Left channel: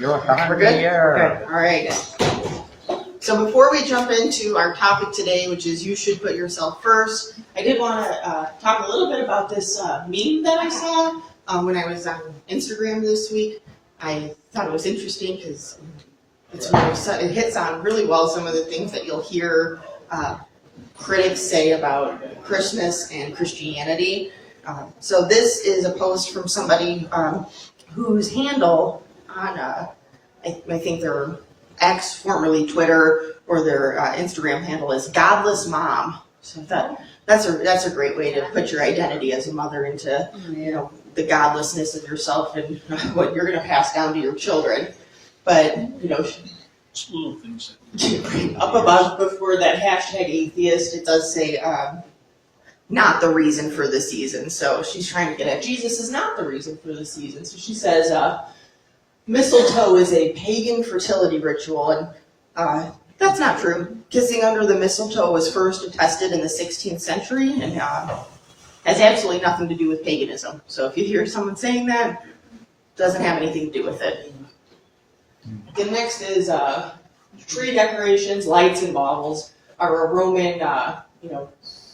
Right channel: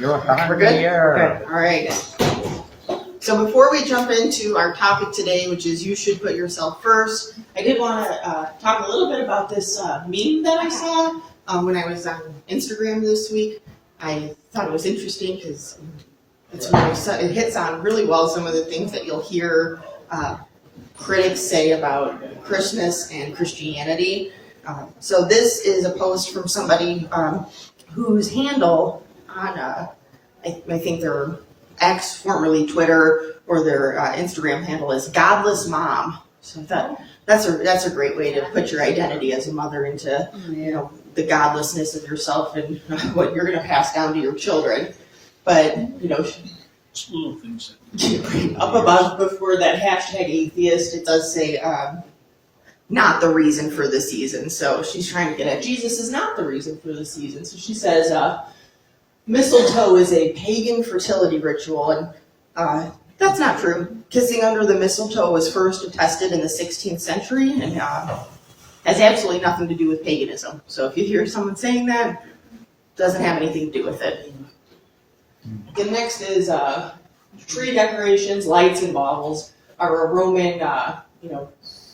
We're good? Okay. All right. So before we jump into our topic today, which is you should put yourself first, I did want to talk a little bit about this meme that I saw when I was on Instagram this week. I thought it was interesting because it hits on really well some of the things that you'll hear critics say about Christmas and Christianity. So this is a post from somebody whose handle on, I think their X, formerly Twitter, or their Instagram handle is Godless Mom. So that's a great way to put your identity as a mother into the godlessness of yourself and what you're going to pass down to your children. But Just little things. up above before that hashtag atheist, it does say not the reason for the season. So she's trying to get at Jesus is not the reason for the season. So she says mistletoe is a pagan fertility ritual, and that's not true. Kissing under the mistletoe was first attested in the 16th century and has absolutely nothing to do with paganism. So if you hear someone saying that, it doesn't have anything to do with it. The next is tree decorations, lights, and baubles are a Roman,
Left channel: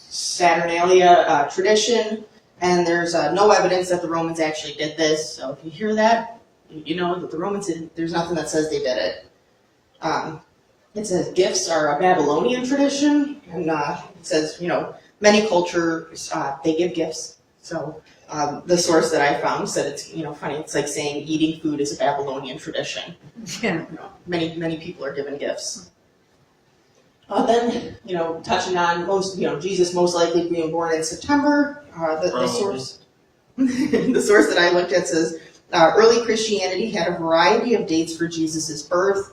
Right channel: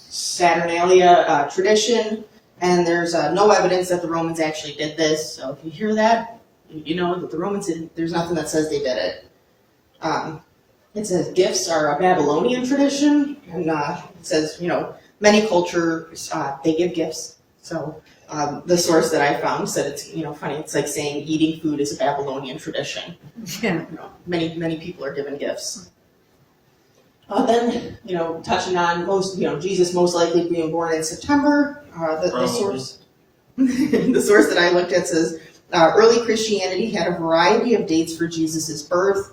Saturnalia tradition, and there's no evidence that the Romans actually did this. So if you hear that, you know that the Romans didn't. There's nothing that says they did it. It says gifts are a Babylonian tradition, and it says many cultures they give gifts. So the source that I found said it's funny. It's like saying eating food is a Babylonian tradition. Yeah. Many people are given gifts. Then touching on Jesus most likely being born in September. The source the source that I looked at says early Christianity had a variety of dates for Jesus' birth.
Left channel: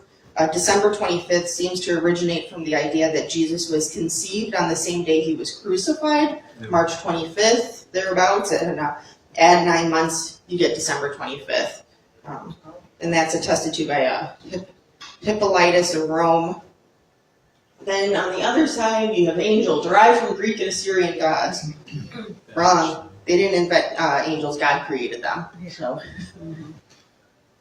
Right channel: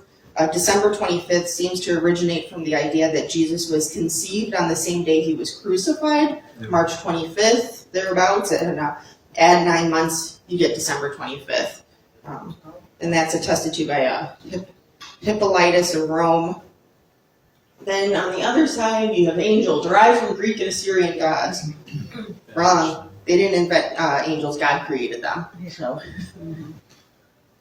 December 25th seems to originate from the idea that Jesus was conceived on the same day he was crucified, March 25th, thereabouts, and add 9 months, you get December 25th. And that's attested to by Hippolytus of Rome. Then on the other side, you have angel, derived from Greek and Assyrian gods. Wrong. They didn't invent angels, God created them. So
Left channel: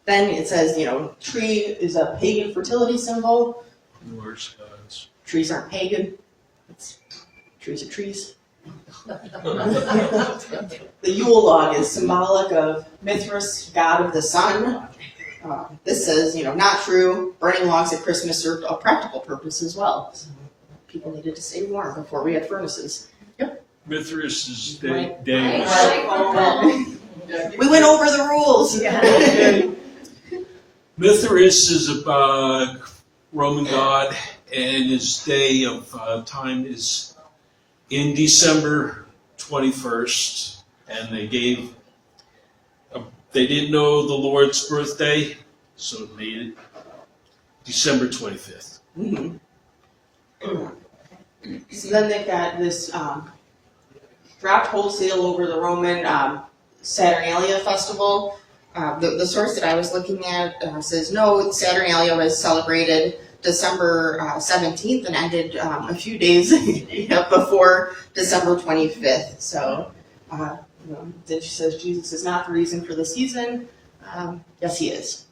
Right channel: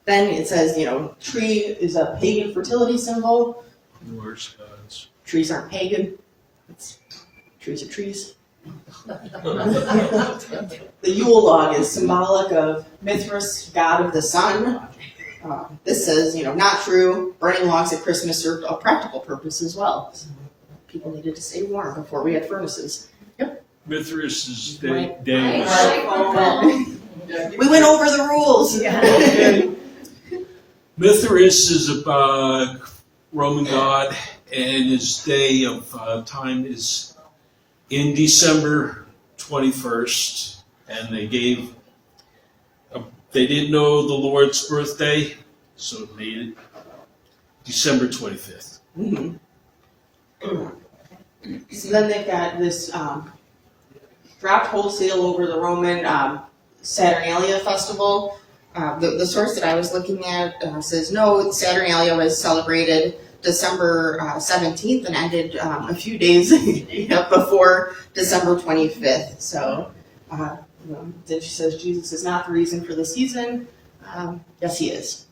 then it says, tree is a pagan fertility symbol. Norse gods. Trees aren't pagan. Trees are trees. The Yule log is symbolic of Mithras, god of the sun. This says, not true. Burning logs at Christmas served a practical purpose as well. So people needed to stay warm before we had furnaces. Mithras is We Danish. went over the rules. Mithras is a Roman god, and his day of time is in December 21st. And they didn't know the Lord's birthday, so they made it December 25th. Mm-hmm. So then they got this dropped wholesale over the Roman Saturnalia festival. The source that I was looking at says no, Saturnalia was celebrated December 17th and ended a few days before December 25th. So then she says Jesus is not the reason for the season. Yes, he is.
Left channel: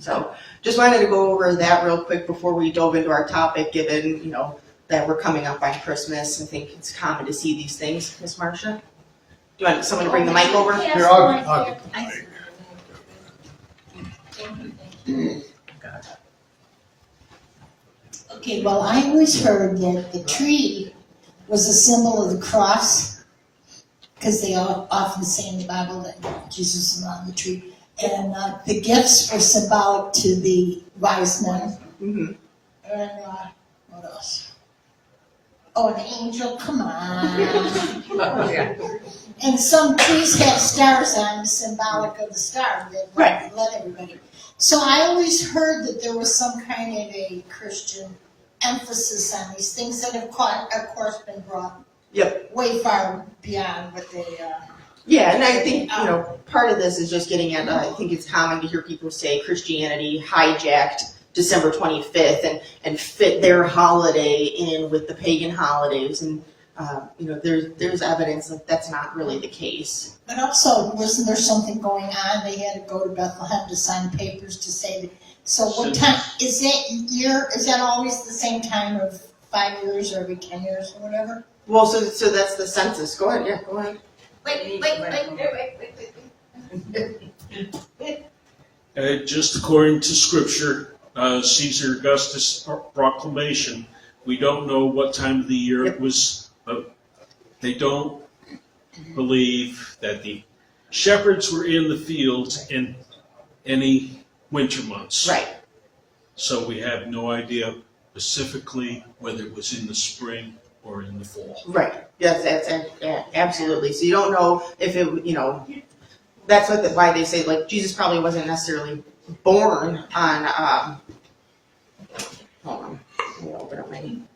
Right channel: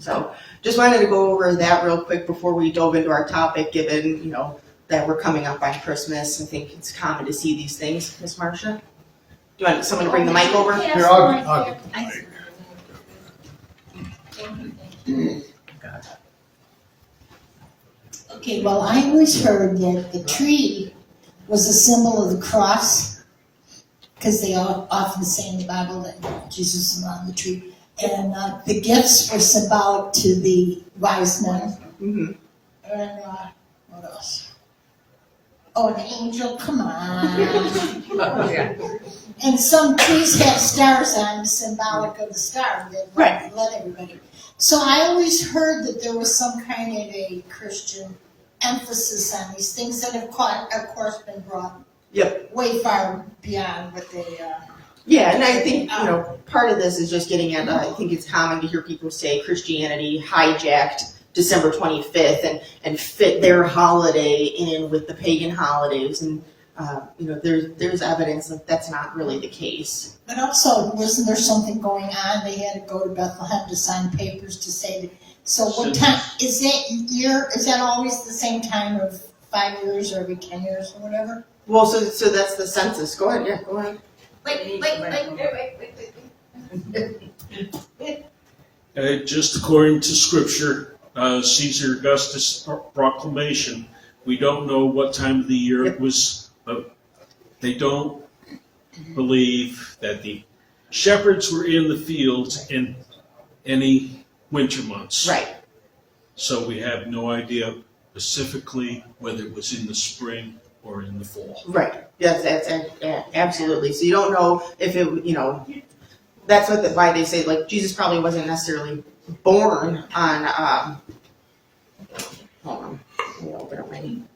So just wanted to go over that real quick before we dove into our topic, given that we're coming up on Christmas. I think it's common to see these things. Miss Marcia, do you want someone to bring the mic over? Yes. Here, I'll get Okay, well, I always heard that the tree was a symbol of the cross, because they often say in the Bible that Jesus is around the tree. And the gifts were symbolic to the wise men. Mm-hmm. And what else? Oh, the angel, come on. And some trees have stars on them, symbolic of the star. They let everybody. So I always heard that there was some kind of a Christian emphasis on these things that have, of course, been brought way far beyond what they... Yeah, and I think, part of this is just getting at, I think it's common to hear people say Christianity hijacked December 25th and fit their holiday in with the pagan holidays. And there's evidence that that's not really the case. And also, wasn't there something going on? They had to go to Bethlehem to sign papers to say that. So what time, is that always the same time of 5 years or every 10 years or whatever? Well, so that's the census. Go ahead, yeah, go ahead. Just according to Scripture, Caesar Augustus' proclamation, we don't know what time of the year it was, but they don't believe that the shepherds were in the fields in any winter months. Right. So we have no idea specifically whether it was in the spring or in the fall. Right. Yes, yeah, absolutely. So you don't know if it, that's why they say, like, Jesus probably wasn't necessarily born on, hold on, let me open up my name,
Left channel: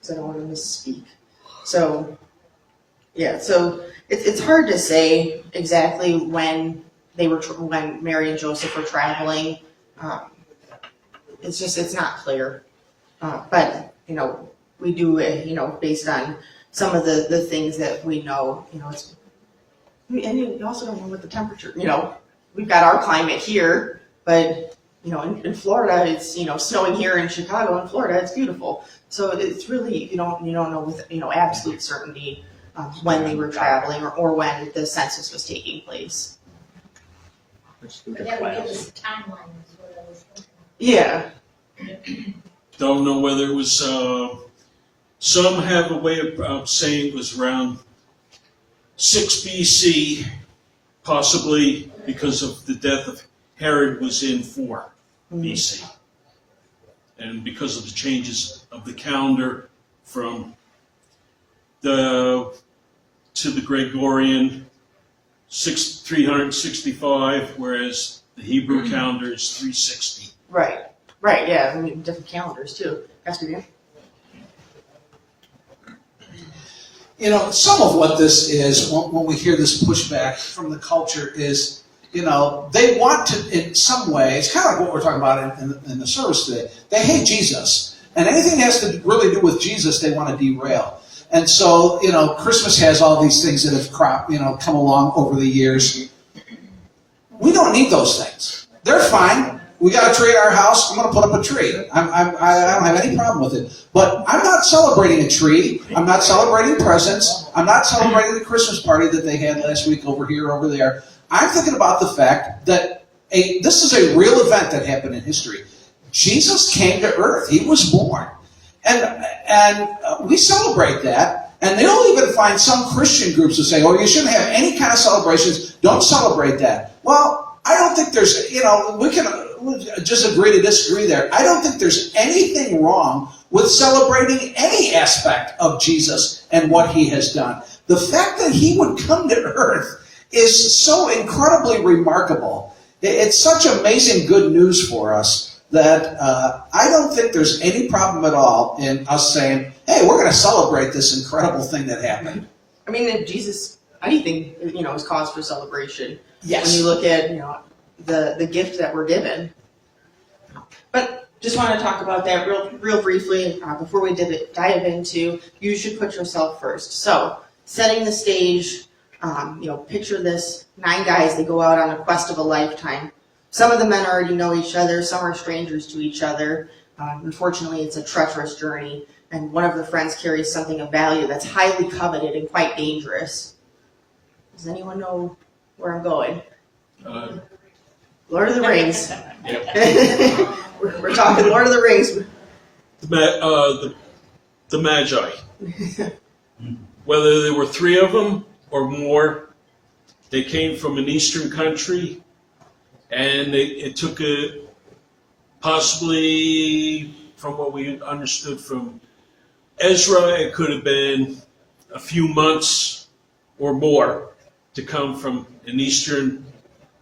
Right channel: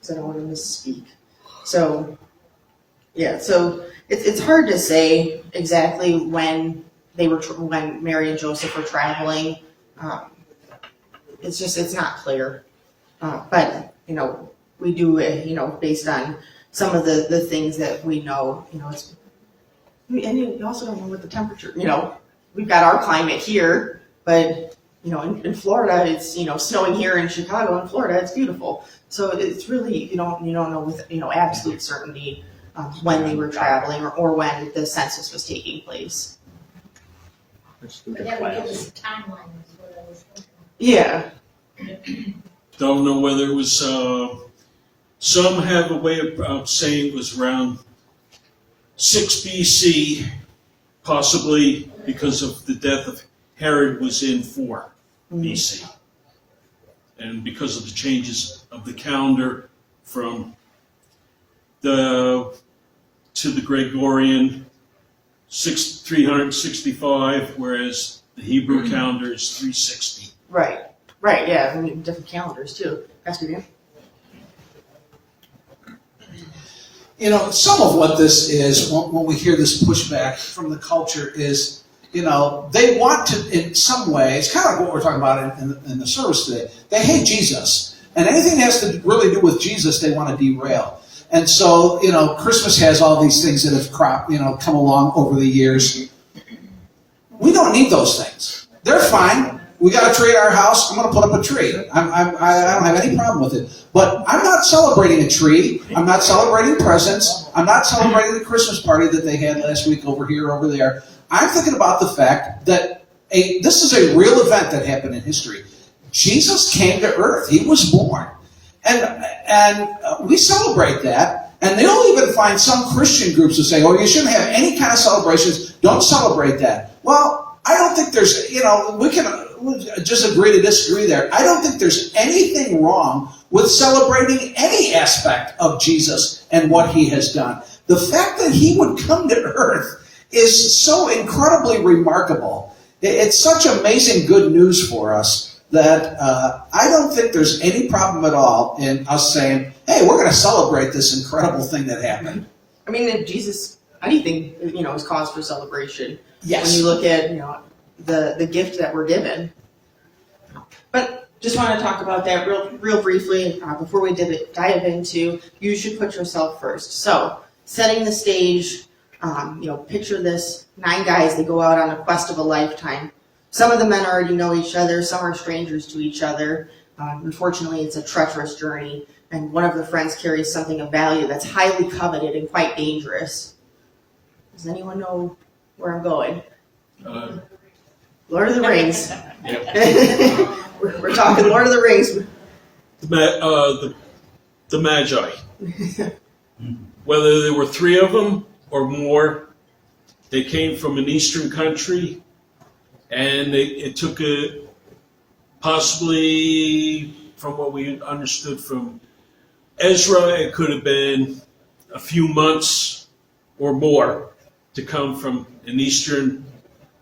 because I don't want to misspeak. So, yeah, so it's hard to say exactly when when Mary and Joseph were traveling. It's not clear. But, we do, based on some of the things that we know, and you also don't know what the temperature, we've got our climate here, but, in Florida, it's, snowing here in Chicago and Florida, it's beautiful. So it's really, you don't know with, absolute certainty when they were traveling or when the census was taking place. Yeah, we have this timeline is what I was thinking. Yeah. Don't know whether it was, some have a way of saying it was around 6 BC, possibly because of the death of Herod was in 4 BC. And because of the changes of the calendar from to the Gregorian 365, whereas the Hebrew calendar is 360. Right, yeah, different calendars too. Pastor Dan? Some of what this is, when we hear this pushback from the culture is, they want to, in some ways, kind of like what we're talking about in the service today, they hate Jesus. And anything that has to really do with Jesus, they want to derail. And so, Christmas has all these things that have come along over the years. We don't need those things. They're fine. We got a tree at our house. I'm going to put up a tree. I don't have any problem with it. But I'm not celebrating a tree. I'm not celebrating presents. I'm not celebrating the Christmas party that they had last week over here, over there. I'm thinking about the fact that this is a real event that happened in history. Jesus came to earth. He was born. And we celebrate that. And they'll even find some Christian groups who say, you shouldn't have any kind of celebrations. Don't celebrate that. Well, I don't think there's, we can just agree to disagree there. I don't think there's anything wrong with celebrating any aspect of Jesus and what he has done. The fact that he would come to earth is so incredibly remarkable. It's such amazing good news for us that I don't think there's any problem at all in us saying, hey, we're going to celebrate this incredible thing that happened. I mean, if Jesus, anything, is cause for celebration. Yes. When you look at the gift that we're given. But just want to talk about that real briefly before we dive into you should put yourself first. So, setting the stage, picture this 9 guys that go out on a quest of a lifetime. Some of the men already know each other, some are strangers to each other. Unfortunately, it's a treacherous journey, and one of the friends carries something of value that's highly coveted and quite dangerous. Does anyone know where I'm going? Lord of the Rings. Yep. We're talking Lord of the Rings. The Magi. Whether there were 3 of them or more, they came from an eastern country, and it took possibly, from what we understood from Ezra, it could have been a few months or more to come from an eastern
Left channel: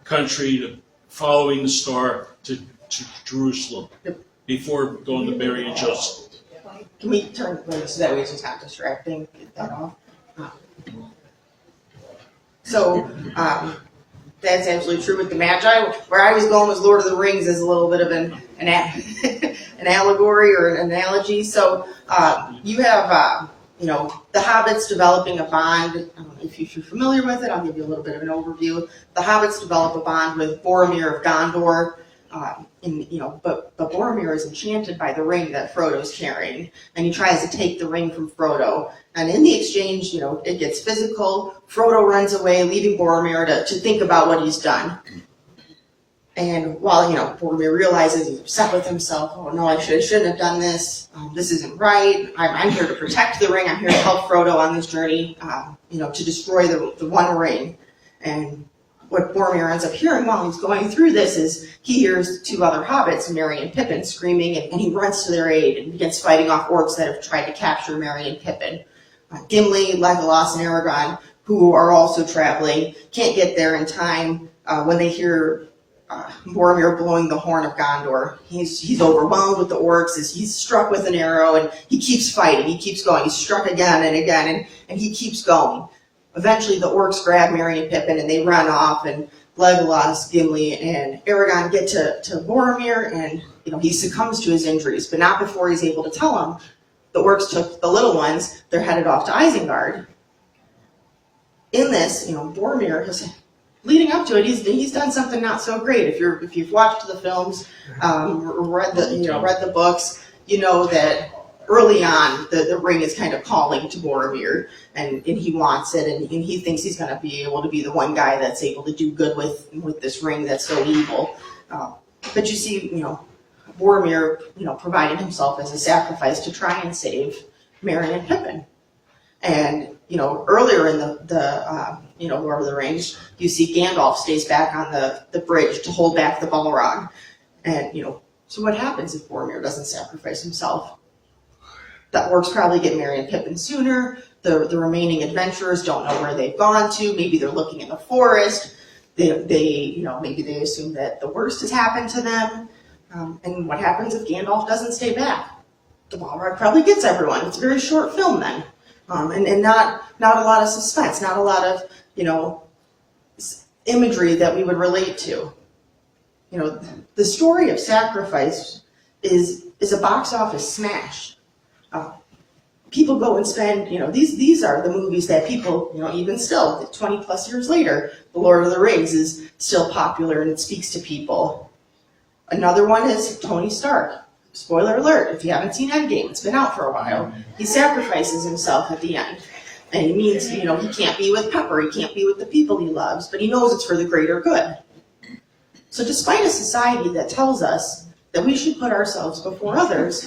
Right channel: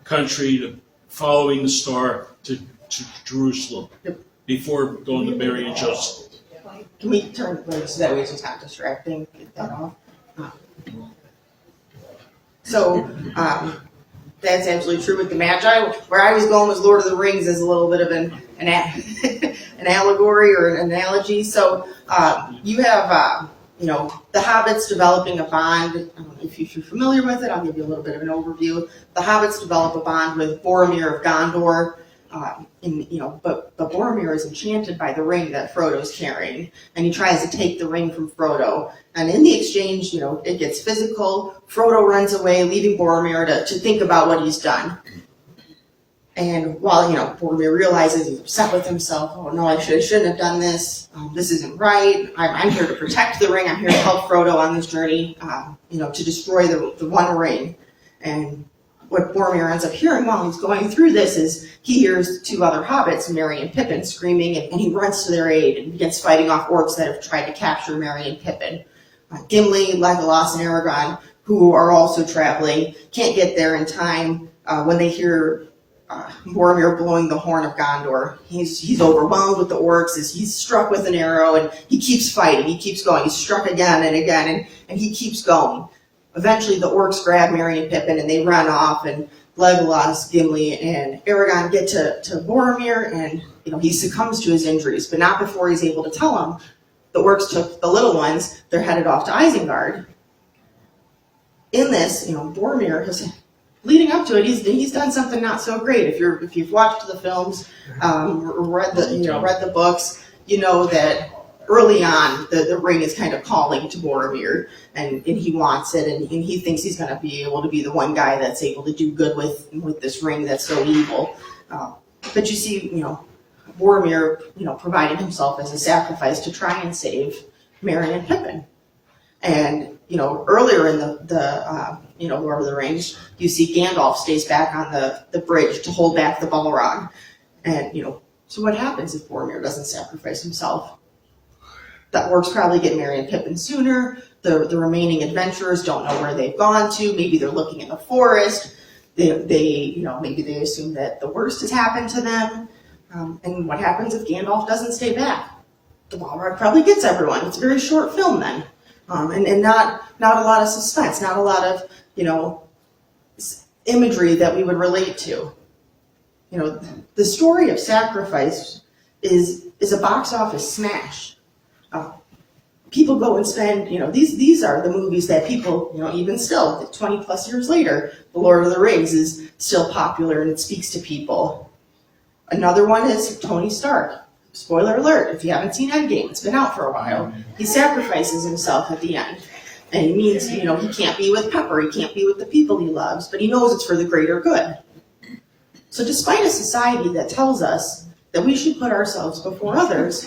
country to following the star to Jerusalem before going to Mary and Joseph. Can we turn so that way it's not distracting? Get that off. So, that's absolutely true with the Magi. Where I was going with Lord of the Rings is a little bit of an an allegory or an analogy. So, you have the hobbits developing a bond. I don't know if you're familiar with it. I'll give you a little bit of an overview. The hobbits develop a bond with Boromir of Gondor. But Boromir is enchanted by the ring that Frodo's carrying, and he tries to take the ring from Frodo. And in the exchange, it gets physical. Frodo runs away, leaving Boromir to think about what he's done. And while, Boromir realizes he's upset with himself, oh no, I shouldn't have done this. This isn't right. I'm here to protect the ring. I'm here to help Frodo on this journey, to destroy the One Ring. And what Boromir ends up hearing while he's going through this is he hears the two other hobbits, Merry and Pippin, screaming, and he runs to their aid and begins fighting off orcs that have tried to capture Merry and Pippin. Gimli, Legolas, and Aragorn, who are also traveling, can't get there in time when they hear Boromir blowing the horn of Gondor. He's overwhelmed with the orcs as he's struck with an arrow, and he keeps fighting. He keeps going. He's struck again and again, and he keeps going. Eventually, the orcs grab Merry and Pippin, and they run off, and Legolas, Gimli, and Aragorn get to Boromir, and he succumbs to his injuries, but not before he's able to tell him. The orcs took the little ones. They're headed off to Isengard. In this, Boromir has, leading up to it, he's done something not so great. If you've watched the films, read the books, you know that early on the ring is kind of calling to Boromir, and he wants it, and he thinks he's going to be able to be the one guy that's able to do good with this ring that's so evil. But you see, Boromir, providing himself as a sacrifice to try and save Merry and Pippin. And, earlier in the Lord of the Rings, you see Gandalf stays back on the bridge to hold back the Balrog. And, so what happens if Boromir doesn't sacrifice himself? The orcs probably get Merry and Pippin sooner. The remaining adventurers don't know where they've gone to. Maybe they're looking in the forest. Maybe they assume that the worst has happened to them. And what happens if Gandalf doesn't stay back? The Balrog probably gets everyone. It's a very short film then. And not a lot of suspense, not a lot of, imagery that we would relate to. The story of sacrifice is a box office smash. People go and spend, these are the movies that people, even still, 20 plus years later, The Lord of the Rings is still popular and it speaks to people. Another one is Tony Stark. Spoiler alert, if you haven't seen Endgame, it's been out for a while. He sacrifices himself at the end. And it means, he can't be with Pepper, he can't be with the people he loves, but he knows it's for the greater good. So despite a society that tells us that we should put ourselves before others,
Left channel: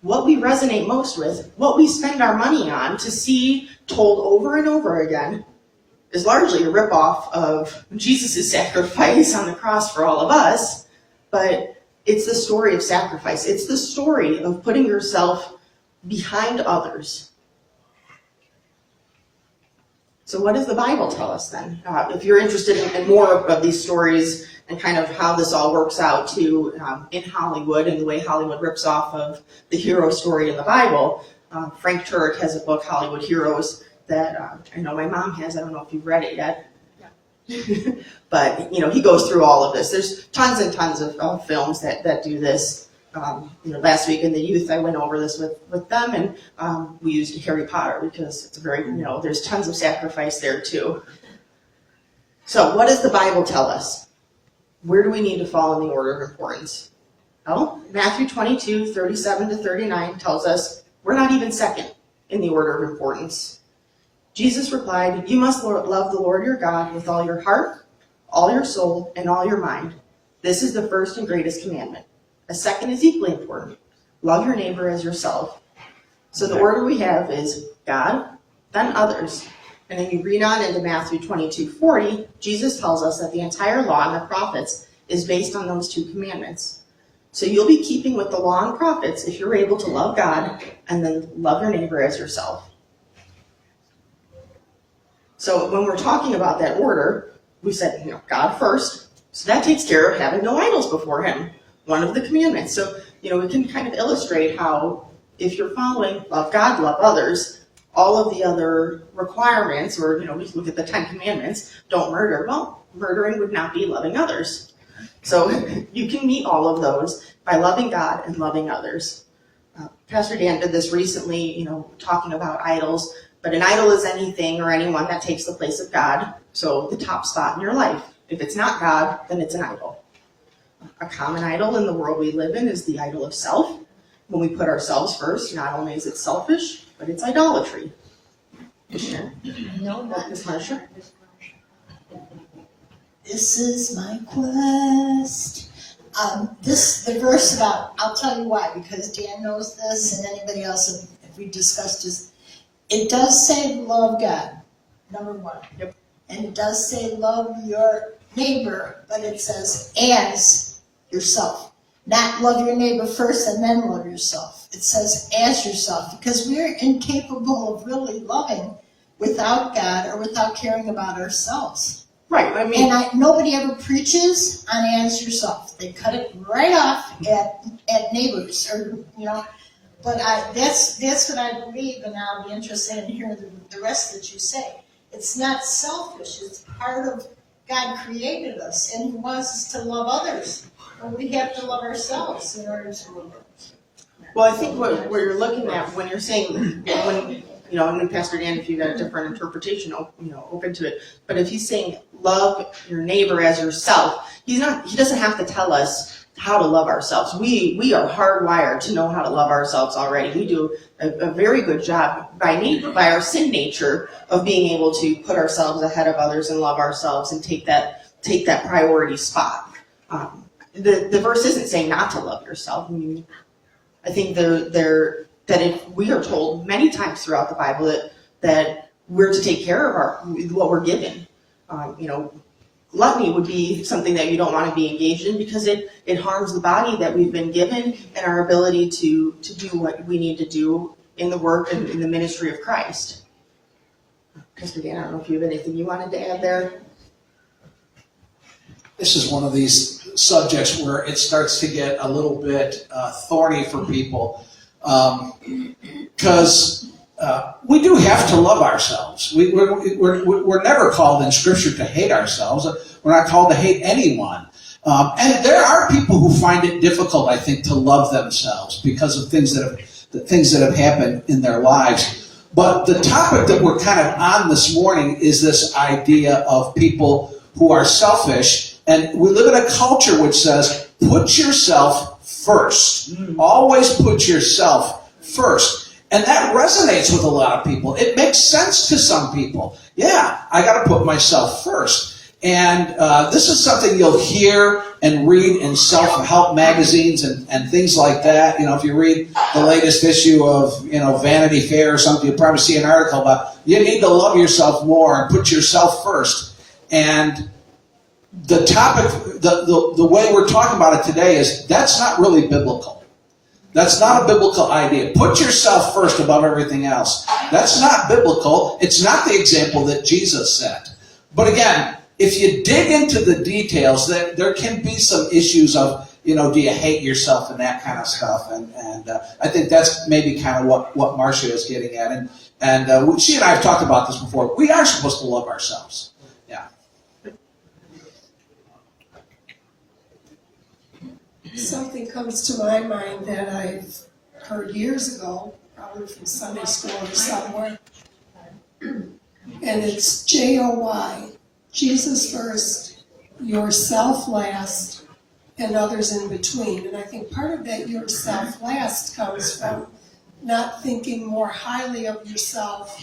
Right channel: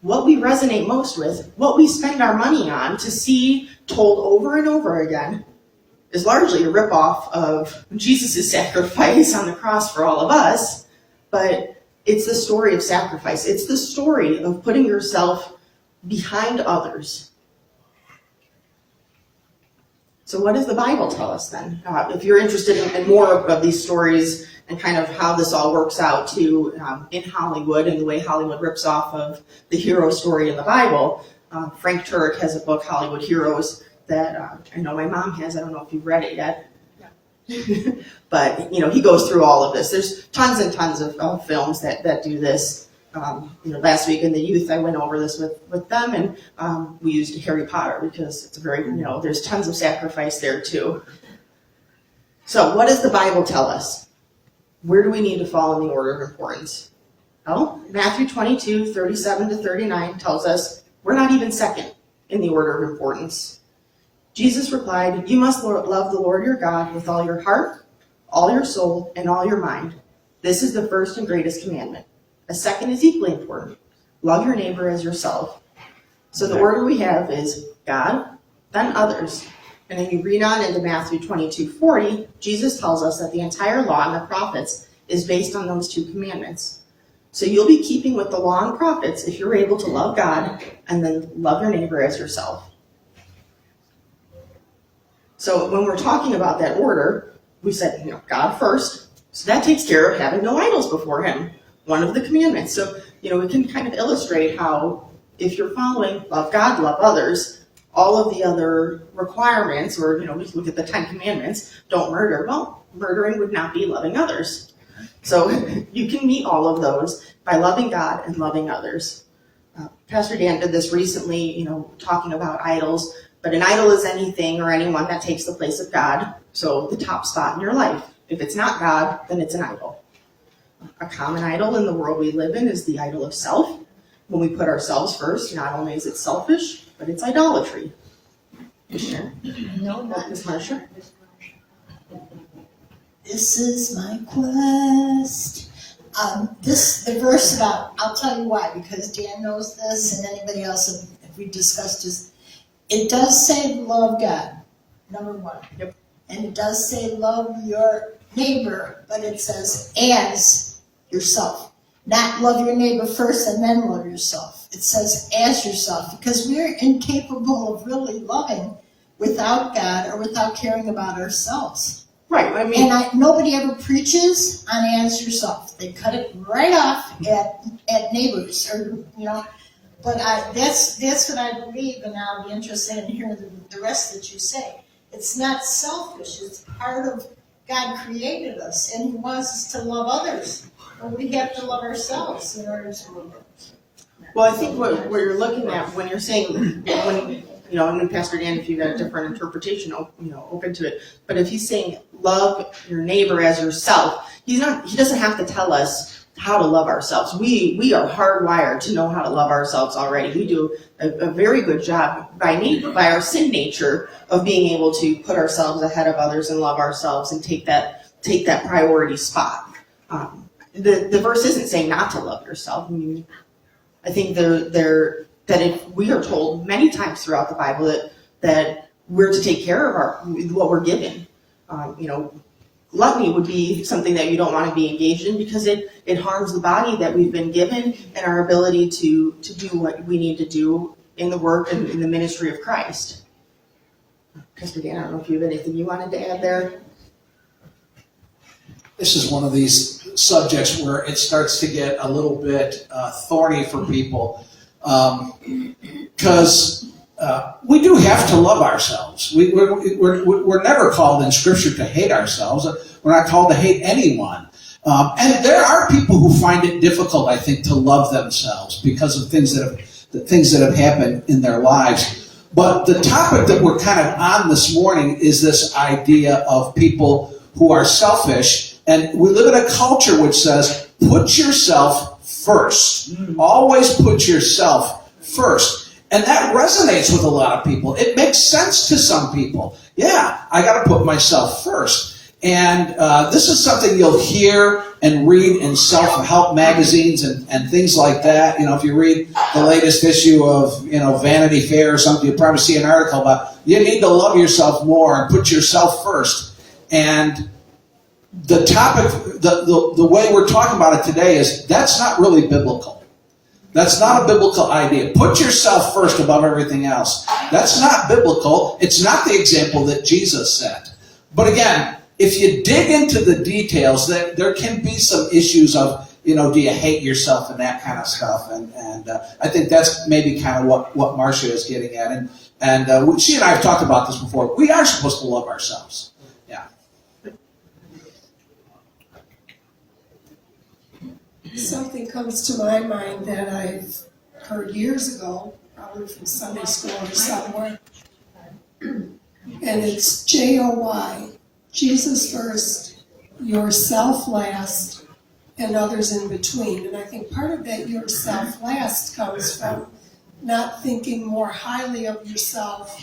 what we resonate most with, what we spend our money on to see told over and over again, is largely a ripoff of Jesus' sacrifice on the cross for all of us, but it's the story of sacrifice. It's the story of putting yourself behind others. So what does the Bible tell us then? If you're interested in more of these stories and kind of how this all works out too in Hollywood and the way Hollywood rips off of the hero story in the Bible, Frank Turek has a book, Hollywood Heroes, that I know my mom has. I don't know if you've read it yet. But, he goes through all of this. There's tons and tons of films that do this. Last week in the youth, I went over this with them, and we used Harry Potter because it's very, there's tons of sacrifice there too. So what does the Bible tell us? Where do we need to fall in the order of importance? Well, Matthew 22, 37 to 39 tells us we're not even second in the order of importance. Jesus replied, "You must love the Lord your God with all your heart, all your soul, and all your mind. This is the first and greatest commandment. A second is equally important. Love your neighbor as yourself." So the order we have is God, then others. And then you read on into Matthew 22:40, Jesus tells us that the entire law and the prophets is based on those two commandments. So you'll be keeping with the law and prophets if you're able to love God and then love your neighbor as yourself. So when we're talking about that order, we said, God first. So that takes care of having no idols before him. One of the commandments. So, we can kind of illustrate how if you're following love God, love others, all of the other requirements, or, we look at the 10 commandments, don't murder. Well, murdering would not be loving others. So you can meet all of those by loving God and loving others. Pastor Dan did this recently, talking about idols, but an idol is anything or anyone that takes the place of God. So the top spot in your life. If it's not God, then it's an idol. A common idol in the world we live in is the idol of self. When we put ourselves first, not only is it selfish, but it's idolatry. No, not Ms. Marsha? This is my quest. The verse about, I'll tell you why, because Dan knows this and anybody else, if we discussed this, it does say love God, number one. Yep. And it does say love your neighbor, but it says as yourself. Not love your neighbor first and then love yourself. It says as yourself, because we're incapable of really loving without God or without caring about ourselves. Right, I mean, And nobody ever preaches on as yourself. They cut it right off at neighbors, or But that's what I believe, and I'll be interested in hearing the rest that you say. It's not selfish. It's part of God created us, and He wants us to love others. But we have to love ourselves in order to love others. well, I think what you're looking at when you're saying, when Pastor Dan, if you got a different interpretation, open to it. But if he's saying love your neighbor as yourself, he doesn't have to tell us how to love ourselves. We are hardwired to know how to love ourselves already. We do a very good job by our sin nature of being able to put ourselves ahead of others and love ourselves and take that priority spot. The verse isn't saying not to love yourself. I mean, I think we are told many times throughout the Bible that we're to take care of what we're given. Gluttony would be something that you don't want to be engaged in because it harms the body that we've been given and our ability to do what we need to do in the work and in the ministry of Christ. Pastor Dan, I don't know if you have anything you wanted to add there. This is one of these subjects where it starts to get a little bit thorny for people because we do have to love ourselves. We're never called in Scripture to hate ourselves. We're not called to hate anyone. And there are people who find it difficult, I think, to love themselves because of things that have happened in their lives. But the topic that we're kind of on this morning is this idea of people who are selfish. And we live in a culture which says, put yourself first. Always put yourself first. And that resonates with a lot of people. It makes sense to some people. Yeah, I got to put myself first. And this is something you'll hear and read in self-help magazines and things like that. If you read the latest issue of, Vanity Fair or something, you'll probably see an article about you need to love yourself more and put yourself first. And the topic, the way we're talking about it today is that's not really biblical. That's not a biblical idea. Put yourself first above everything else. That's not biblical. It's not the example that Jesus set. But again, if you dig into the details, then there can be some issues of, do you hate yourself and that kind of stuff. And I think that's maybe kind of what Marcia is getting at. And she and I have talked about this before. We are supposed to love ourselves. Yeah. Something comes to my mind that I've heard years ago, probably from Sunday school or somewhere, and it's JOY, Jesus first, yourself last, and others in between. And I think part of that yourself last comes from not thinking more highly of yourself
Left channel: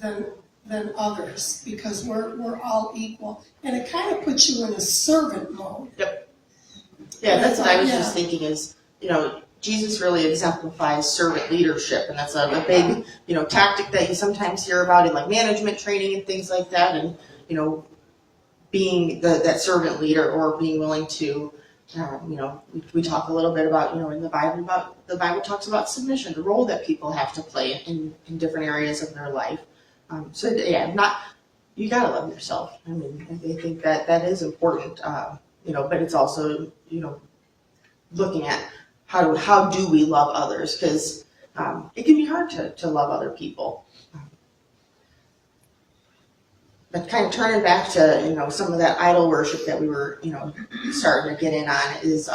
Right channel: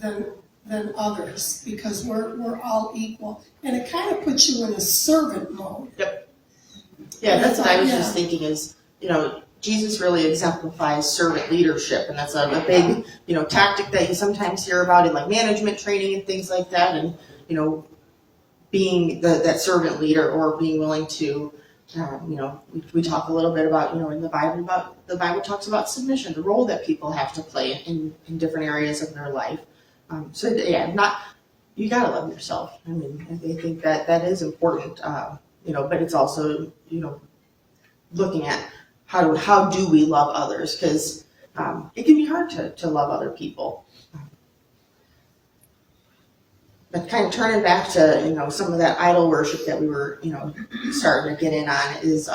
than others, because we're all equal. And it kind of puts you in a servant mode. Yeah, that's what I was just thinking is, Jesus really exemplifies servant leadership, and that's a big, tactic that you sometimes hear about in like management training and things like that, and, being that servant leader or being willing to, we talk a little bit about, in the Bible talks about submission, the role that people have to play in different areas of their life. You gotta love yourself. I mean, I think that is important, but it's also, looking at how do we love others, because it can be hard to love other people. But kind of turning back to, some of that idol worship that we were, starting to get in on is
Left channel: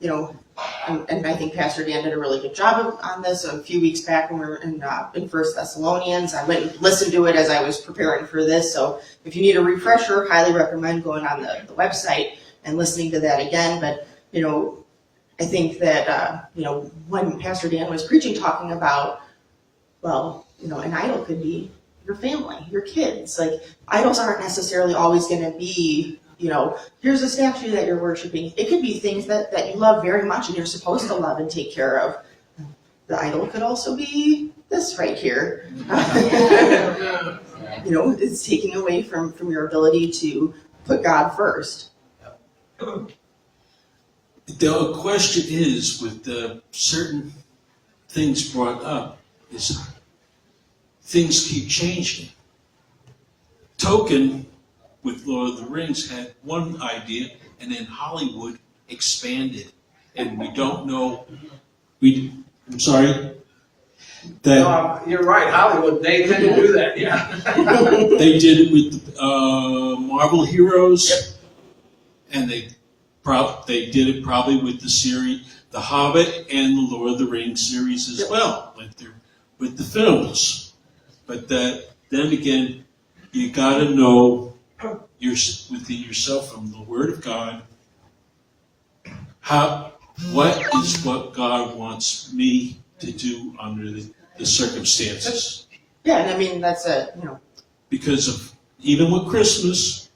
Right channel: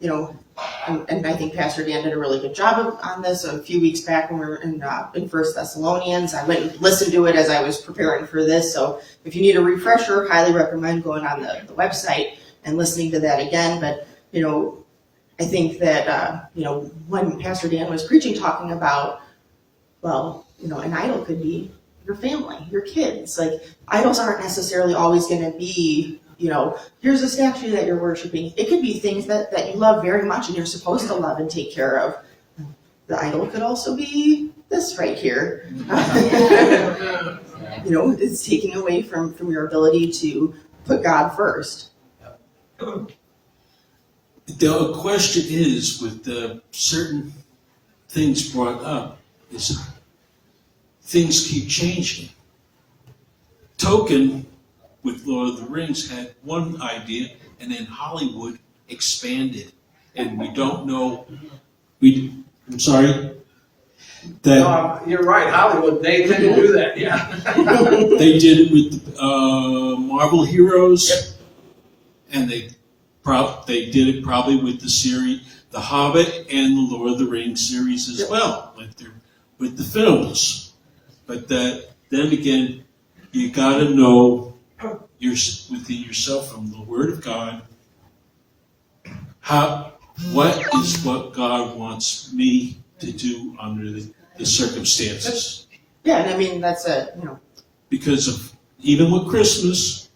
and I think Pastor Dan did a really good job on this a few weeks back when we were in First Thessalonians. I went and listened to it as I was preparing for this. So if you need a refresher, highly recommend going on the website and listening to that again. But, I think that, when Pastor Dan was preaching, talking about, an idol could be your family, your kids. Like, idols aren't necessarily always going to be, here's a statue that you're worshiping. It could be things that you love very much and you're supposed to love and take care of. The idol could also be this right here. It's taken away from your ability to put God first. The question is, with certain things brought up, is things keep changing. Tolkien, with Lord of the Rings, had one idea, and then Hollywood expanded. And we don't know, I'm sorry? You're right, Hollywood, they tend to do that, yeah. They did it with Marvel heroes, and they did it probably with the series, The Hobbit and the Lord of the Rings series as well, with the films. But then again, you got to know within yourself from the Word of God, what God wants me to do under the circumstances. Yeah, and I mean, that's Because of, even with Christmas,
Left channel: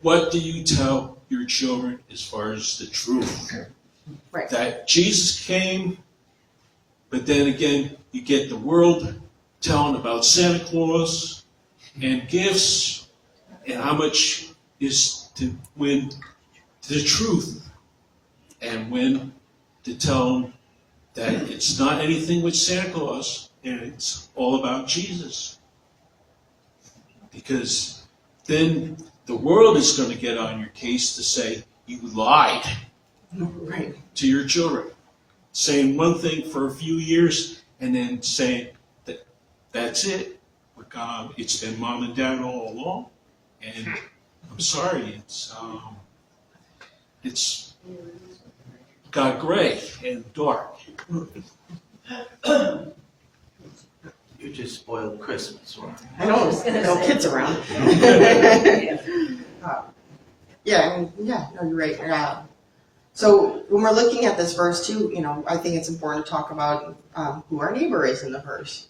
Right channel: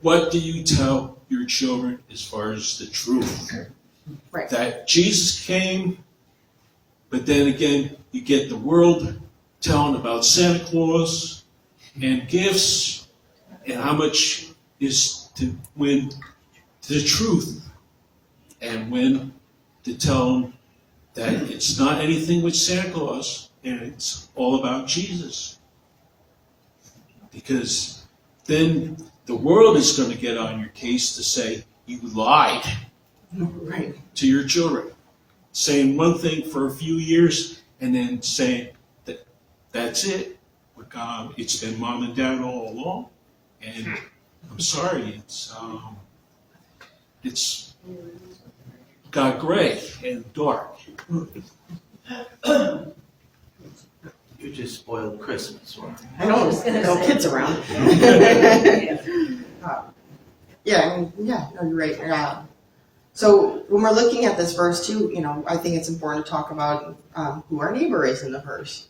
what do you tell your children as far as the truth? right. That Jesus came, but then again, you get the world telling about Santa Claus and gifts and how much is to win the truth, and when to tell them that it's not anything with Santa Claus and it's all about Jesus. Because then the world is going to get on your case to say you lied Right. to your children, saying one thing for a few years and then saying that that's it. It's been mom and dad all along, and I'm sorry, it's got gray and dark. You just spoiled Christmas, right? I know, there's no kids around. No, you're right. So when we're looking at this verse too, I think it's important to talk about who our neighbor is in the verse.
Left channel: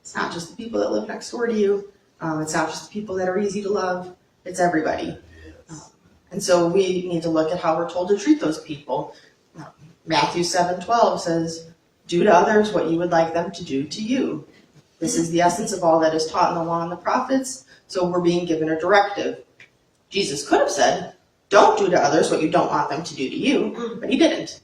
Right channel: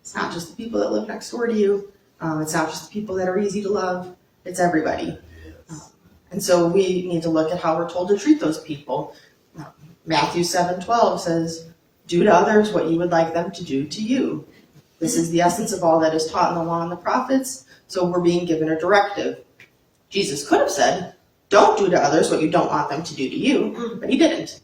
It's not just the people that live next door to you. It's not just the people that are easy to love. It's everybody. And so we need to look at how we're told to treat those people. Matthew 7:12 says, "Do to others what you would like them to do to you." This is the essence of all that is taught in the law and the prophets. So we're being given a directive. Jesus could have said, "Don't do to others what you don't want them to do to you," but he didn't.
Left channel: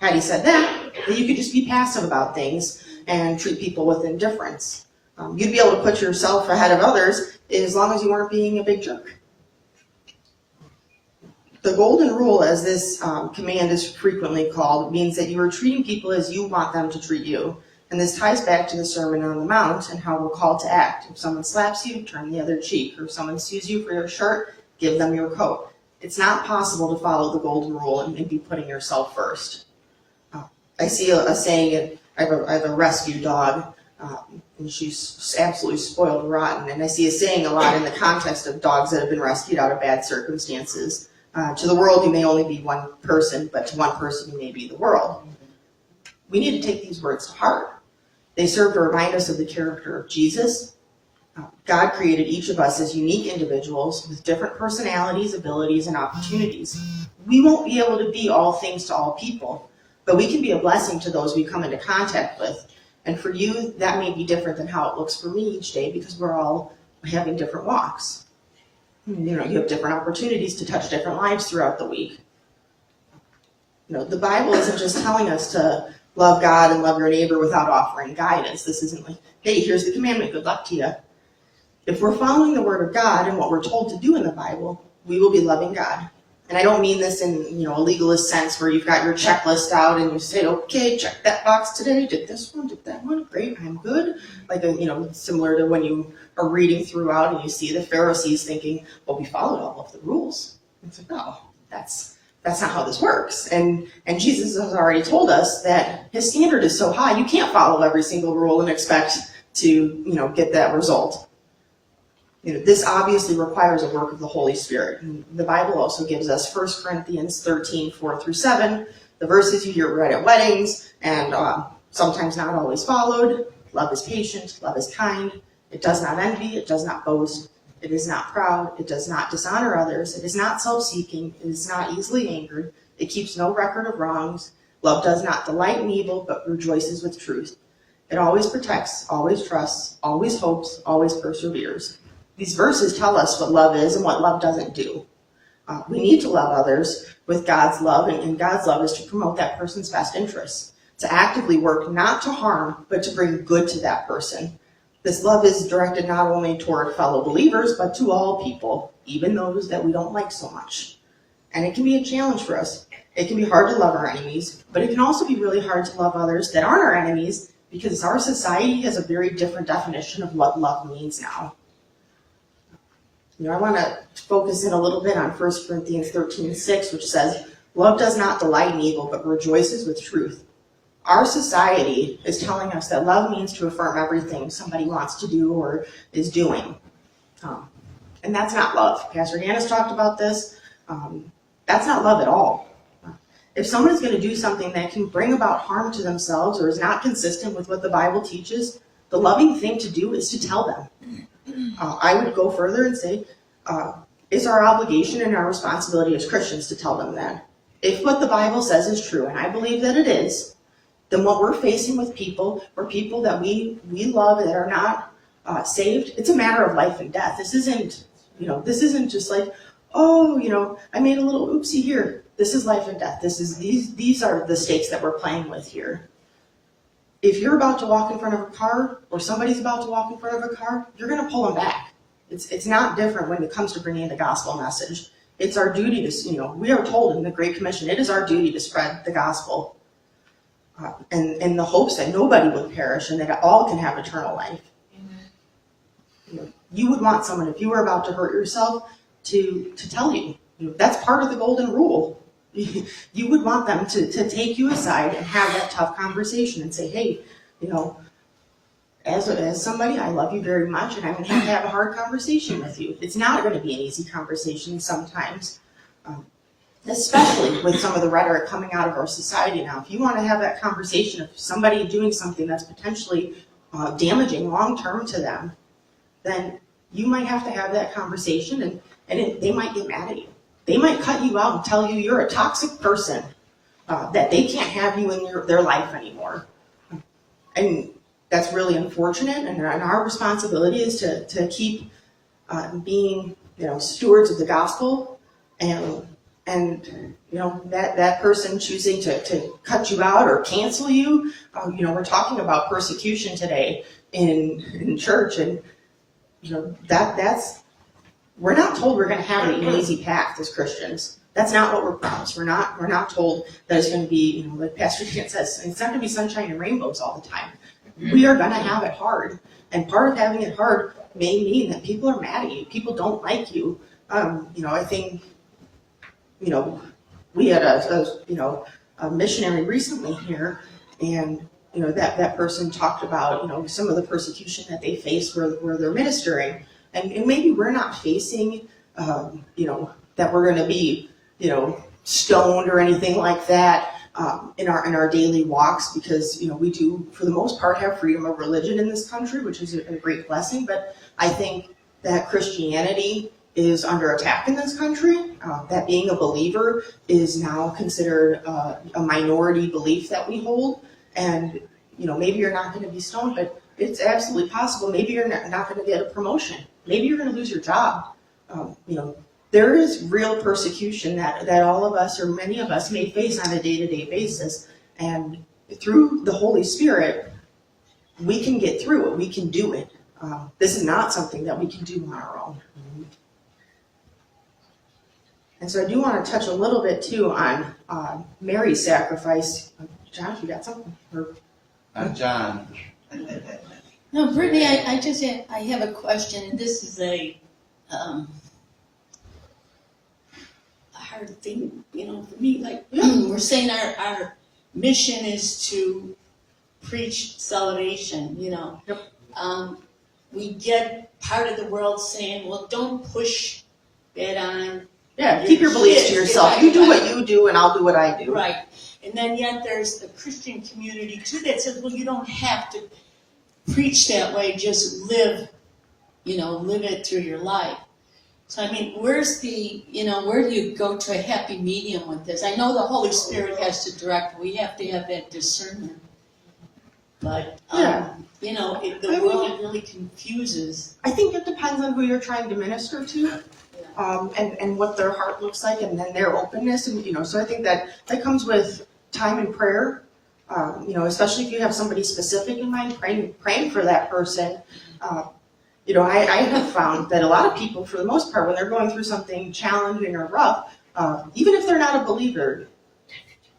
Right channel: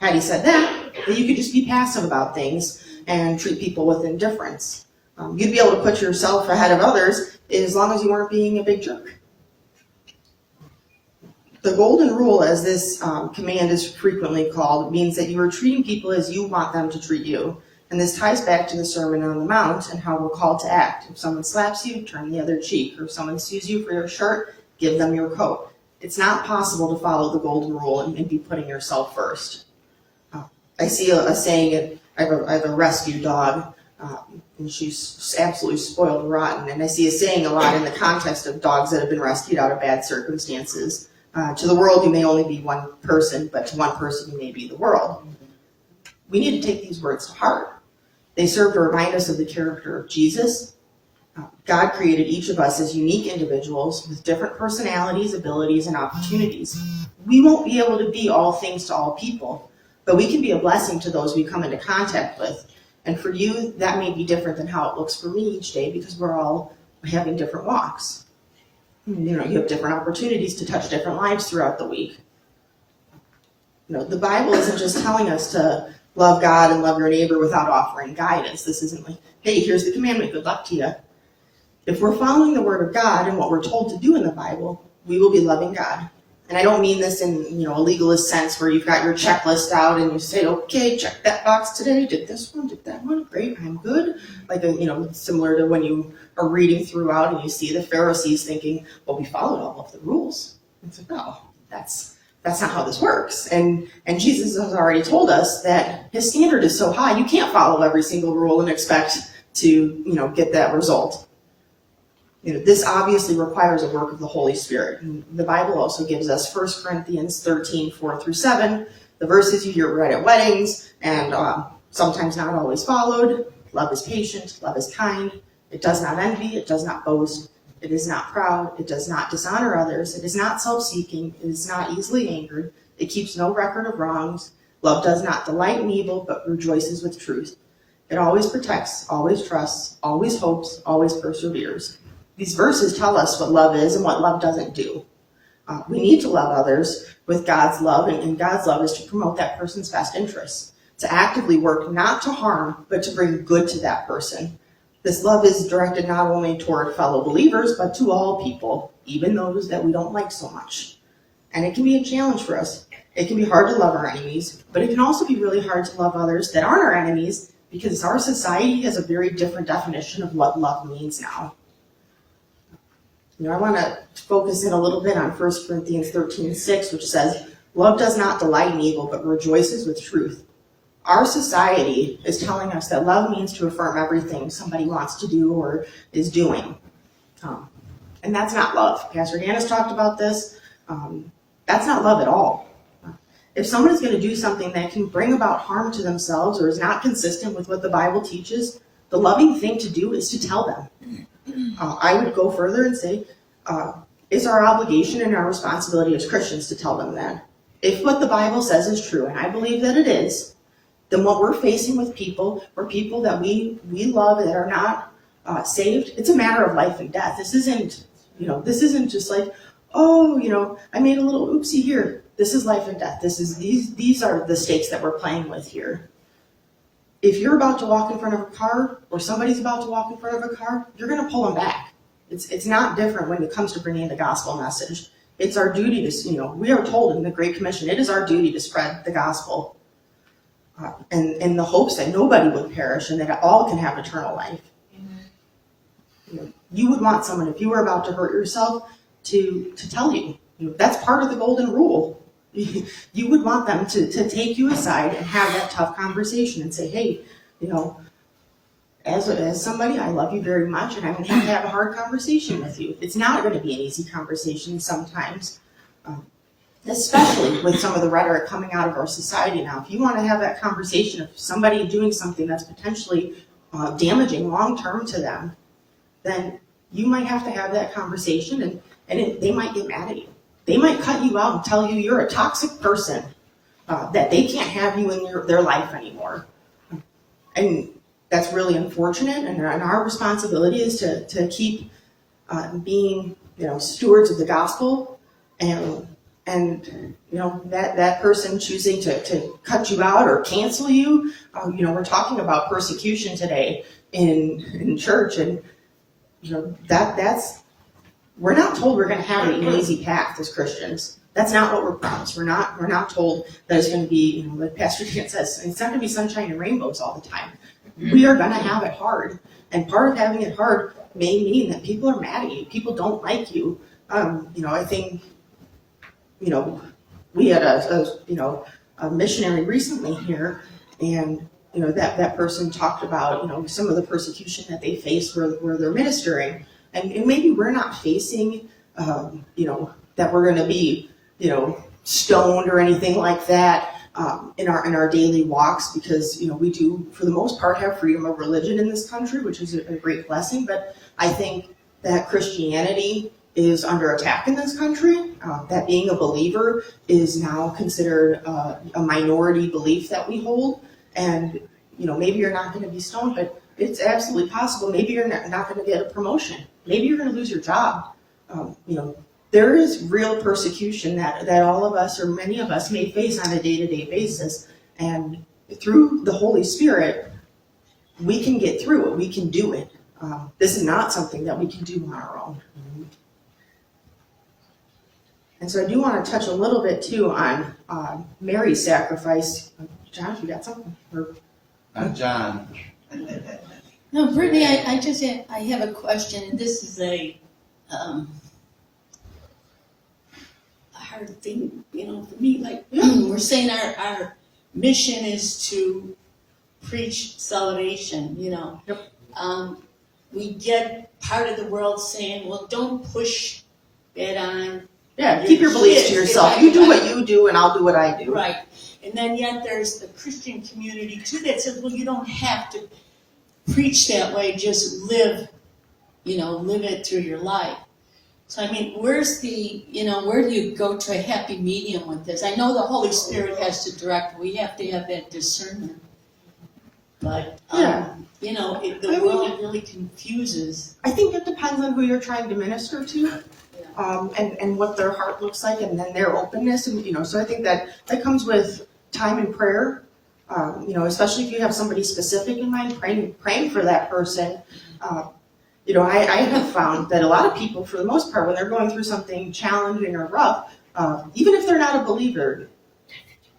Had he said that, then you could just be passive about things and treat people with indifference. You'd be able to put yourself ahead of others as long as you weren't being a big jerk. The golden rule, as this command is frequently called, means that you are treating people as you want them to treat you. And this ties back to the Sermon on the Mount and how we're called to act. If someone slaps you, turn the other cheek. Or if someone sues you for your shirt, give them your coat. It's not possible to follow the golden rule and be putting yourself first. I see a saying, I have a rescue dog, and she's absolutely spoiled and rotten. And I see a saying a lot in the context of dogs that have been rescued out of bad circumstances. To the world, you may only be one person, but to one person, you may be the world. We need to take these words to heart. They serve to remind us of the character of Jesus. God created each of us as unique individuals with different personalities, abilities, and opportunities. We won't be able to be all things to all people, but we can be a blessing to those we come into contact with. And for you, that may be different than how it looks for me each day because we're all having different walks. You have different opportunities to touch different lives throughout the week. The Bible isn't just telling us to love God and love your neighbor without offering guidance. This isn't like, hey, here's the commandment, good luck to you. If we're following the Word of God and what we're told to do in the Bible, we will be loving God. And I don't mean this in a legalist sense where you've got your checklist out and you say, okay, check that box today, did this one, did that one, great, I'm good. Like, similar to when you are reading throughout and you see the Pharisees thinking, well, we followed all of the rules. It's like, oh, that's That's not how this works. And Jesus has already told us that his standard is so high, you can't follow every single rule and expect to, get that result. This obviously requires a work of the Holy Spirit. And the Bible also gives us 1 Corinthians 13, 4-7, the verses you hear read at weddings and sometimes not always followed. Love is patient, love is kind. It does not envy, it does not boast. It is not proud, it does not dishonor others. It is not self-seeking, it is not easily angered. It keeps no record of wrongs. Love does not delight in evil, but rejoices with truth. It always protects, always trusts, always hopes, always perseveres. These verses tell us what love is and what love doesn't do. We need to love others with God's love, and God's love is to promote that person's best interests, to actively work not to harm, but to bring good to that person. This love is directed not only toward fellow believers, but to all people, even those that we don't like so much. And it can be a challenge for us. It can be hard to love our enemies, but it can also be really hard to love others that aren't our enemies, because our society has a very different definition of what love means now. I want to focus in a little bit on 1 Corinthians 13:6, which says, love does not delight in evil, but rejoices with truth. Our society is telling us that love means to affirm everything somebody wants to do or is doing. And that's not love. Pastor Hannah's talked about this. That's not love at all. If someone is going to do something that can bring about harm to themselves or is not consistent with what the Bible teaches, the loving thing to do is to tell them. I would go further and say, it's our obligation and our responsibility as Christians to tell them that. If what the Bible says is true, and I believe that it is, then what we're facing with people, or people that we love that are not saved, it's a matter of life and death. This isn't just like, I made a little oopsie here. This is life and death. These are the stakes that we're playing with here. If you're about to walk in front of a car, or somebody's about to walk in front of a car, you're going to pull them back. It's not different when it comes to bringing the gospel message. It's our duty to, we are told in the Great Commission, it is our duty to spread the gospel. And the hopes that nobody would perish and that all can have eternal life. You would want someone, if you were about to hurt yourself, to tell you. That's part of the golden rule. You would want them to take you aside and have that tough conversation and say, hey, as somebody, I love you very much, and I'm going to have a hard conversation with you. It's not going to be an easy conversation sometimes, especially with some of the rhetoric coming out of our society now. If you want to have that conversation of somebody doing something that's potentially damaging long-term to them, then you might have to have that conversation, and they might get mad at you. They might cut you out and tell you you're a toxic person, that they can't have you in their life anymore. And that's really unfortunate, and our responsibility is to keep being, stewards of the gospel, and that person choosing to cut you out or cancel you. We're talking about persecution today in church, and that's. We're not told we're going to have an easy path as Christians. That's not what we're promised. We're not told that it's going to be, like Pastor Dan says, it's not going to be sunshine and rainbows all the time. We are going to have it hard. And part of having it hard may mean that people are mad at you. People don't like you. I think, we had a missionary recently here, and, that person talked about, some of the persecution that they face where they're ministering. And maybe we're not facing, that we're going to be, stoned or anything like that in our daily walks, because we do, for the most part, have freedom of religion in this country, which is a great blessing. But I think that Christianity is under attack in this country. That being a believer is now considered a minority belief that we hold, and maybe you're not going to be stoned, but it's absolutely possible. Maybe you're not going to get a promotion. Maybe you're going to lose your job. There is real persecution that all of us, or many of us, may face on a day-to-day basis. And through the Holy Spirit, we can get through it. We can do it. This is not something that we can do on our own. And so I do want to touch a little bit, too, on Mary's sacrifice. John, you got something? John. No, Brittany, I have a question, and this is a hard hard thing, for me, like, we're saying our mission is to preach salvation, Yep. We get part of the world saying, well, don't push it on. Yeah, keep your beliefs to yourself. You do what you do, and I'll do what I do. Right. And then yet there's the Christian community too that says, well, you don't have to preach that way, just live it through your life. So, I mean, where do you go to a happy medium with this? I know the Holy Spirit has to direct. We have to have that discernment. But, the world really confuses. I think it depends on who you're trying to minister to, and what their heart looks like, and then their openness, and so I think that comes with time and prayer. Especially if you have somebody specific in mind, praying for that person. I have found that a lot of people, for the most part, when they're going through something challenging or rough, even if they're not a believer,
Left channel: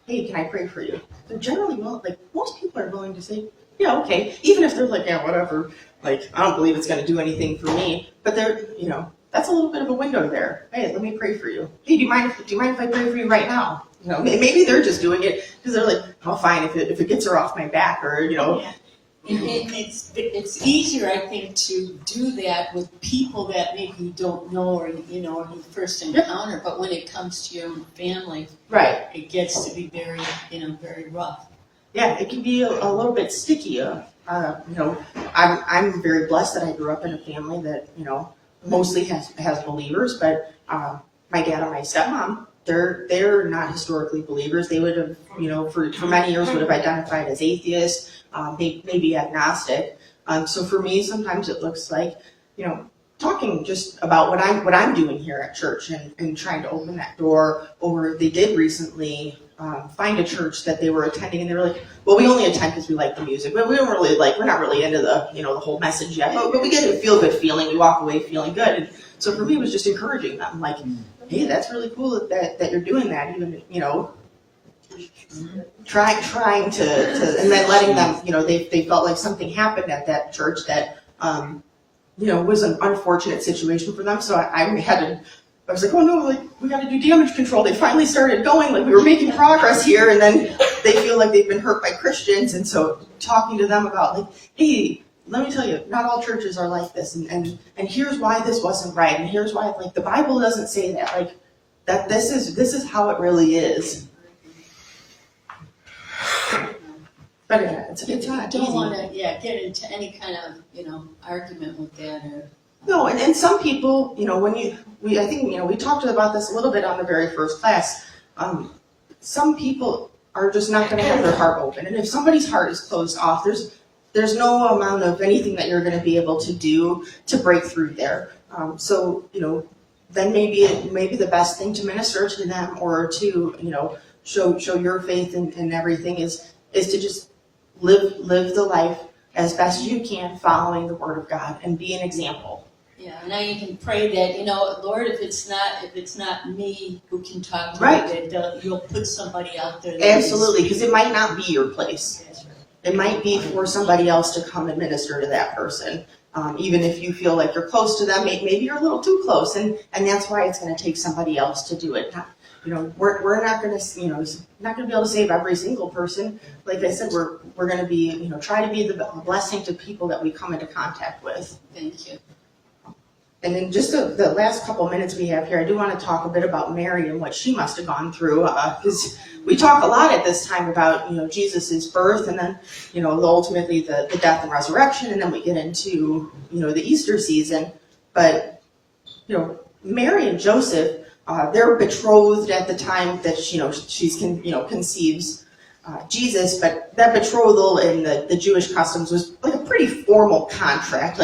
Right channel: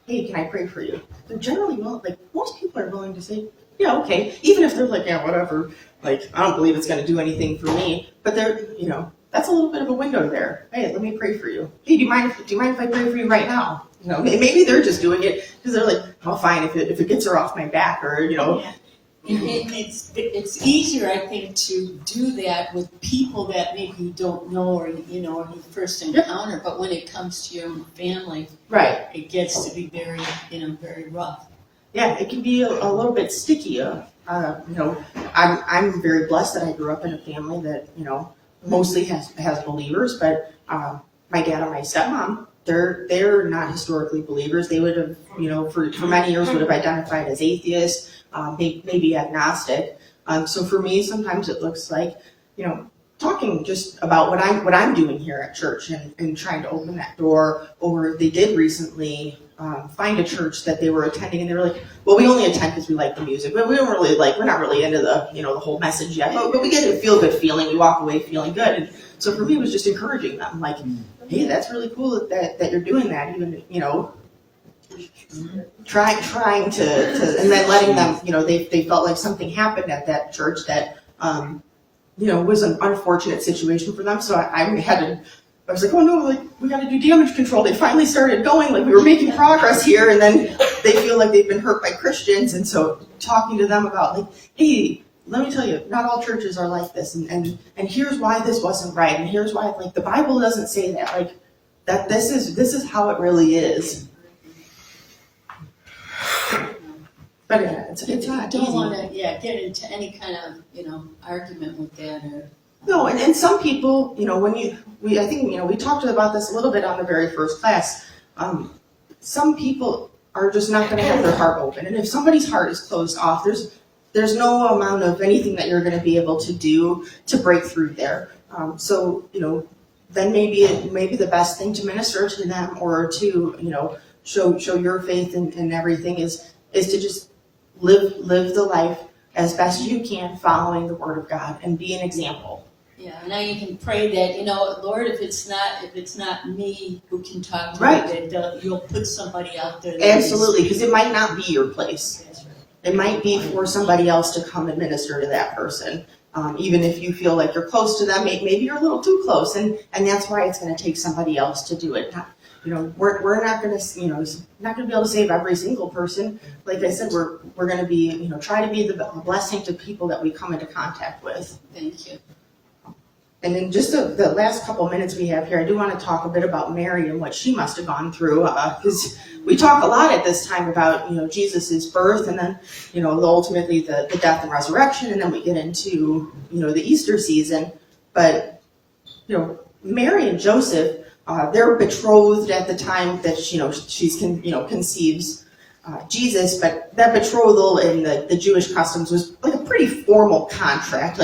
hey, can I pray for you? They're generally most people are willing to say, yeah, okay. Even if they're like, yeah, whatever. Like, I don't believe it's going to do anything for me. But they're, that's a little bit of a window there. Hey, let me pray for you. Hey, do you mind if I pray for you right now? Maybe they're just doing it because they're like, oh, fine, if it gets her off my back, or Yeah. And it's easier, I think, to do that with people that maybe you don't know or you first encounter. But when it comes to your own family, right. it gets to be very, very rough. Yeah, it can be a little bit sticky. I'm very blessed that I grew up in a family that mostly has believers, but my dad and my stepmom, they're not historically believers. They would have, for many years would have identified as atheists, maybe agnostic. So for me, sometimes it looks like, talking just about what I'm doing here at church and trying to open that door. Or they did recently find a church that they were attending, and they were like, well, we only attend because we like the music, but we're not really into the the whole message yet, but we get a feel good feeling. We walk away feeling good. And so for me, it was just encouraging them, like, hey, that's really cool that you're doing that, even trying to and then letting them, they felt like something happened at that church that was an unfortunate situation for them. So I was like, oh no, we got to do damage control. They finally started going, we were making progress here, and then they feel like they've been hurt by Christians. And so talking to them about hey, let me tell you, not all churches are like this, and here's why this wasn't right, and here's why the Bible doesn't say that, that this is how it really is. But yeah, it's not don't easy. want to get into any kind of argument with that or. No, and some people, I think we talked about this a little bit on the very first class. Some people are just not going to have their heart open, and if somebody's heart is closed off, there's no amount of anything that you're going to be able to do to break through there. So then maybe the best thing to minister to them or to show your faith and everything is to just live the life as best you can, following the Word of God and be an example. Yeah, and now you can pray that, Lord, if it's not me who can talk to Right. you, that you'll put somebody out there. Absolutely, because it might not be your place. It might be for somebody else to come and minister to that person. Even if you feel like you're close to them, maybe you're a little too close, and that's why it's going to take somebody else to do it. We're not going to, not going to be able to save every single person. Like I said, we're going to be, try to be the blessing to people that we come into contact with. Thank you. And in just the last couple minutes we have here, I do want to talk a bit about Mary and what she must have gone through, because we talk a lot at this time about, Jesus' birth, and then, ultimately the death and resurrection, and then we get into, the Easter season. But, Mary and Joseph, they're betrothed at the time that, conceives Jesus, but that betrothal in the Jewish customs was like a pretty formal contract,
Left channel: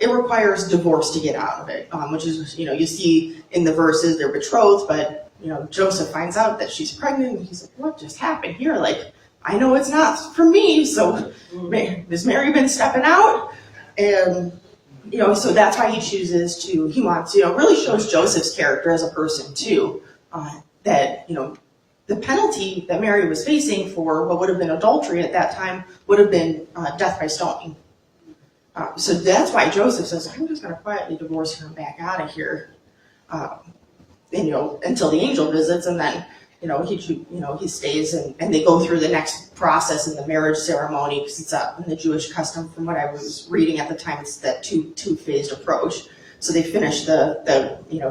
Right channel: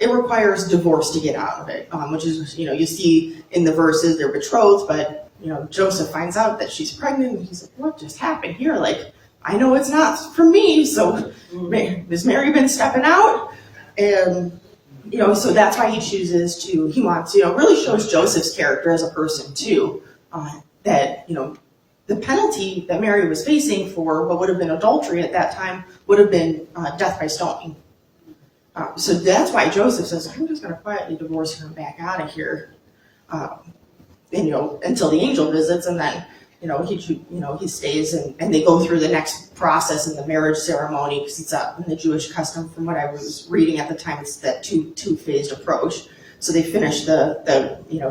it requires divorce to get out of it, which is, you see in the verses they're betrothed, but, Joseph finds out that she's pregnant, and he's like, what just happened here? I know it's not for me, so has Mary been stepping out? And, so that's why he wants, really shows Joseph's character as a person too, that, the penalty that Mary was facing for what would have been adultery at that time would have been death by stoning. So that's why Joseph says, I'm just going to quietly divorce her and back out of here. and, until the angel visits, and then, he stays, and they go through the next process of the marriage ceremony, because it's in the Jewish custom, from what I was reading at the time, it's that two-phased approach. So they finish the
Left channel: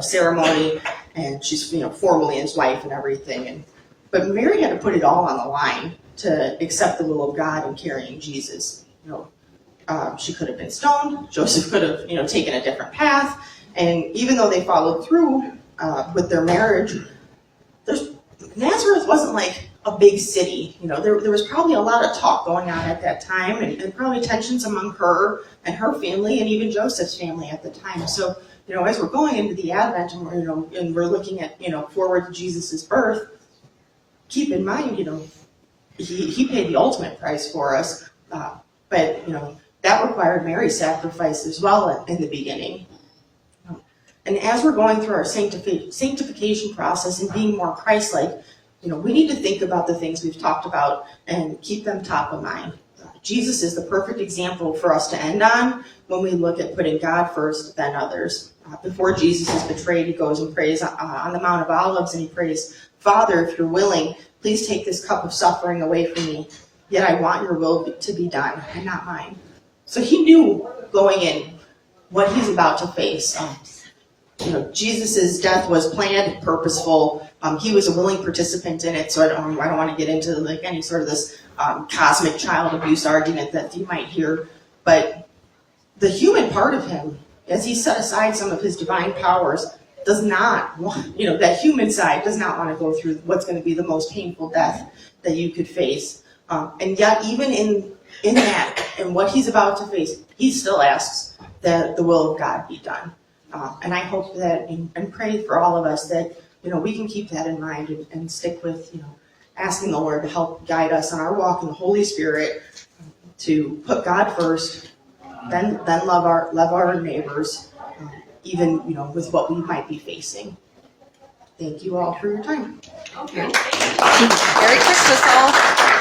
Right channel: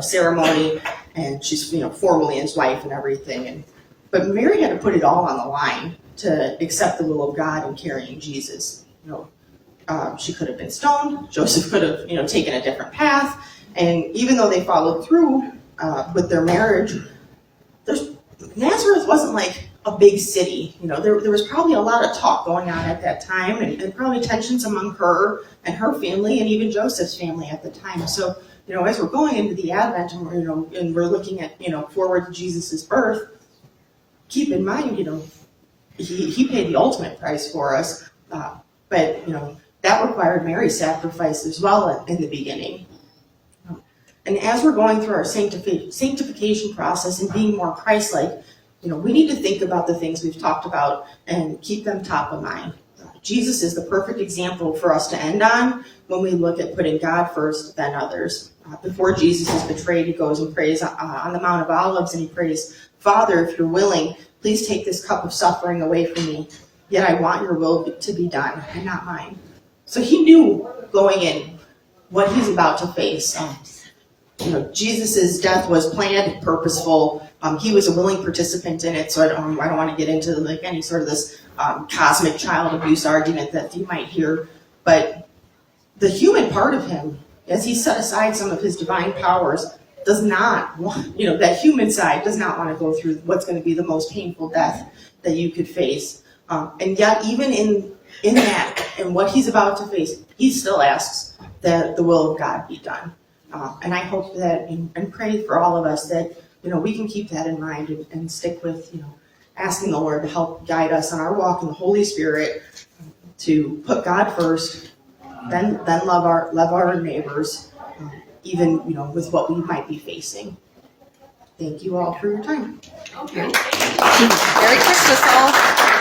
ceremony, and she's, formally his wife and everything. But Mary had to put it all on the line to accept the will of God in carrying Jesus. She could have been stoned. Joseph could have, taken a different path. And even though they followed through with their marriage, Nazareth wasn't like a big city. There was probably a lot of talk going on at that time, and probably tensions among her and her family, and even Joseph's family at the time. So, as we're going into the Advent, and we're looking at, forward to Jesus' birth, keep in mind, he paid the ultimate price for us, but that required Mary's sacrifice as well in the beginning. And as we're going through our sanctification process and being more Christ-like, we need to think about the things we've talked about and keep them top of mind. Jesus is the perfect example for us to end on when we look at putting God first, then others. Before Jesus is betrayed, he goes and prays on the Mount of Olives, and he prays, "Father, if you're willing, please take this cup of suffering away from me. Yet I want your will to be done and not mine." So he knew going in what he's about to face. Jesus' death was planned, purposeful. He was a willing participant in it. So I don't want to get into any sort of this cosmic child abuse argument that you might hear. But the human part of him, as he set aside some of his divine powers, does not want, that human side does not want to go through what's going to be the most painful death that you could face. And yet, even in that, and what he's about to face, he still asks that the will of God be done. And I hope that, and pray for all of us, that, we can keep that in mind and stick with, asking the Lord to help guide us on our walk in the Holy Spirit, to put God first, then love our neighbors, even, with what we might be facing. Thank you all for your time. Merry Christmas all.